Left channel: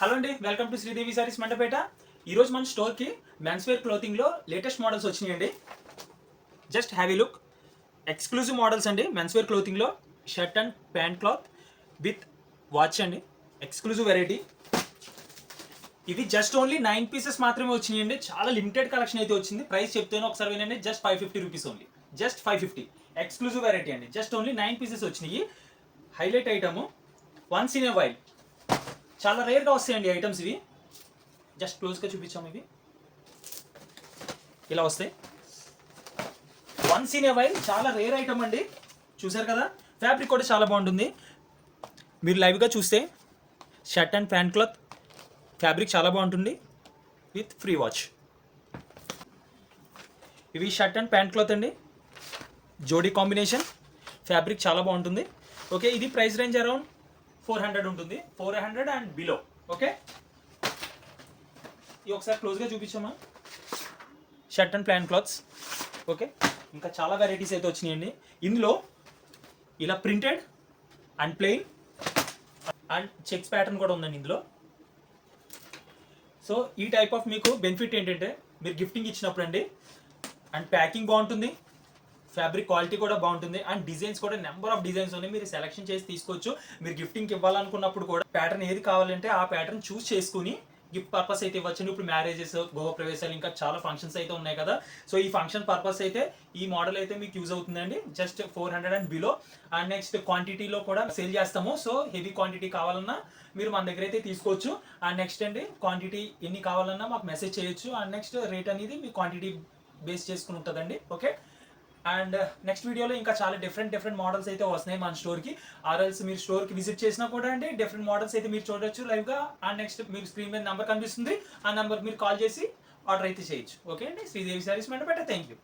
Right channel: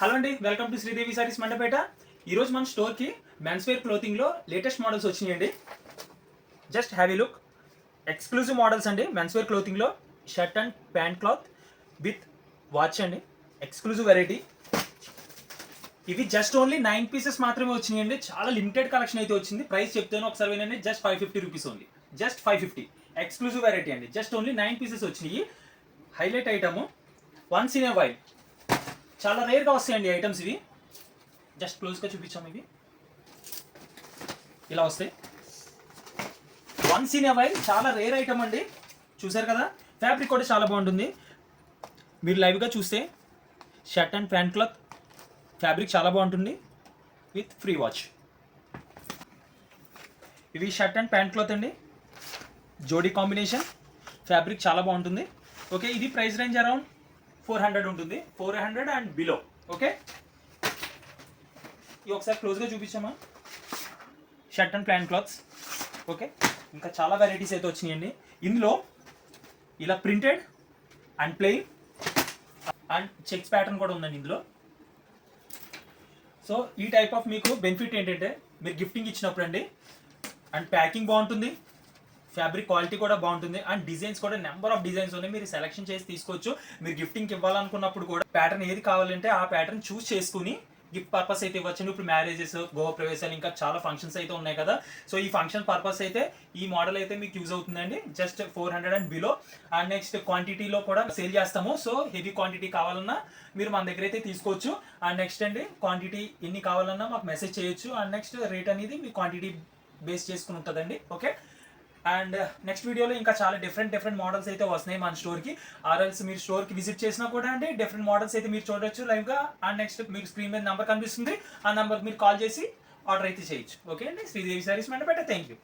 Hello అండి, welcome to Sridevi sarees Mandapeta. ఈరోజు మన స్టోర్కి మెన్స్ వేర్ క్లోతింగ్లో లేటెస్ట్ మోడల్స్ వచ్చినాయండి. జస్ట్ హ్యావ్ ఈ లుక్. ఎక్స్క్లూజివ్ మోడల్స్ అండి. మెన్స్ వేర్ క్లోతింగ్లో shirt and pant cloth with watch అండి. Exclusive variety. ఇవి జస్ట్ ఓన్లీ 9 పీసెస్ మాత్రమే వచ్చినాయండి. చాలా లిమిటెడ్ కలెక్షన్ అయితే వచ్చింది. ప్రైస్ చెప్తాను ఒకసారి వినండి. Just 550 rupees only. Just 550. Exclusive variety అండి. జస్ట్ ఓన్లీ 9 పీసెస్ వచ్చినాయి. Highlight item once in a while. చాలా రేర్గా వస్తాయండి ఐటమ్స్ ఇవి. జస్ట్ క్లోజ్గా చూపించాము. ఇవి ఇలా వస్తాయి. వన్స్ ఇన్ ఏ వైల్ చాలా రేర్ ఐటమ్ అండి. చూసారు కదా, ఫ్యాబ్రిక్ కూడా చాలా బాగుంటుంది. మీరు లైవ్గా చూస్తే shirt and pant cloth fabric చాలా బాగుంటుంది విత్ ఫ్రీ వాచ్. ఇవి షర్ట్ అండ్ ప్యాంట్ క్లాత్ అండి. జోడీ కాంబినేషన్. ఫ్యాబ్రిక్ చాలా బాగుంటుంది. ఓకే, ఇది ప్రైస్ రేంజ్ అరౌండ్ 400 ఉంటుంది. 400 అండ్ బిలో. ఓకే, ఇవి ఒకసారి క్లోజ్గా చూపించామా. Shirt and pant cloths. Okay, ఇంకా చాలా వెరైటీస్ అయితే వచ్చినాయండి. ఇందులో ఇలా printed and plain and checks pattern కూడా ఉందండి ఇందులో. సో ఈ టైప్ ఆఫ్ మీకు బెనిఫిట్ ఏంటంటే మీరు గిఫ్టింగ్ ఇచ్చినప్పుడు అండి, అండ్ ప్యాకింగ్ బాగుంటుంది, ఫ్యాబ్రిక్ క్వాలిటీ కూడా బాగుంటుంది, అండ్ డిజైన్స్ కూడా నెంబర్ ఆఫ్ డిజైన్స్ ఉన్నాయి. మీరు సెలెక్షన్ చేసి తీసుకోవచ్చు. మీరు గిఫ్టింగ్కి ఇవ్వాలనుకున్నప్పుడు కూడా ప్యాటర్న్ ఏది కావాలంటే ఆ ప్యాటర్న్ చూస్ చేసుకుని గిఫ్ట్ పర్పస్ అయితే ఇవ్వచ్చు. ఇప్పుడు మ్యారేజెస్, గృహ ప్రవేశాలు, ఇంకా చాలా ఫంక్షన్స్ అయితే ఉన్నాయి కదా. సో ఈ ఫంక్షన్ పర్పస్ అయితే ఈ మోడల్ అయితే మీకు యూజ్ అవుతుందండి. Just 400 and below. And next క్వాంటిటీలో కూడా సేల్ చేస్తాము. సో హెవీ క్వాంటిటీ కావాలన్నా మీరు మన దగ్గర అయితే తీసుకోవచ్చు. అండ్ నెక్స్ట్ అండి, క్వాంటిటీ ఎన్ని కావాలన్నా మాకు మెసేజ్ చేయొచ్చు. అండ్ నెక్స్ట్ రేట్ అనేది మీ క్వాంటిటీ బేస్ చేసుకుని ఉంటుందండి. ఓకే, అండ్ నెక్స్ట్ వీడియోలో ఇంకా చాలా డిఫరెంట్ మోడల్స్ అయితే వస్తున్నాయి మన స్టోర్కి. ఆర్ఎల్స్ మీరు స్టోర్కి విజిట్ చేసినా కూడా అంటే డిఫరెంట్ మోడల్స్ అయితే మీరు చూడొచ్చు లైవ్గా. అండ్ నెక్స్ట్ మీరు స్క్రీన్ మీద నెంబర్ కనిపిస్తుంది, ఆ నెంబర్ మీరు కాల్ చేసి ఆర్డర్ అయితే చేయొచ్చు. ఓకే అండి, Sridevi sarees Mandapeta. Thank you.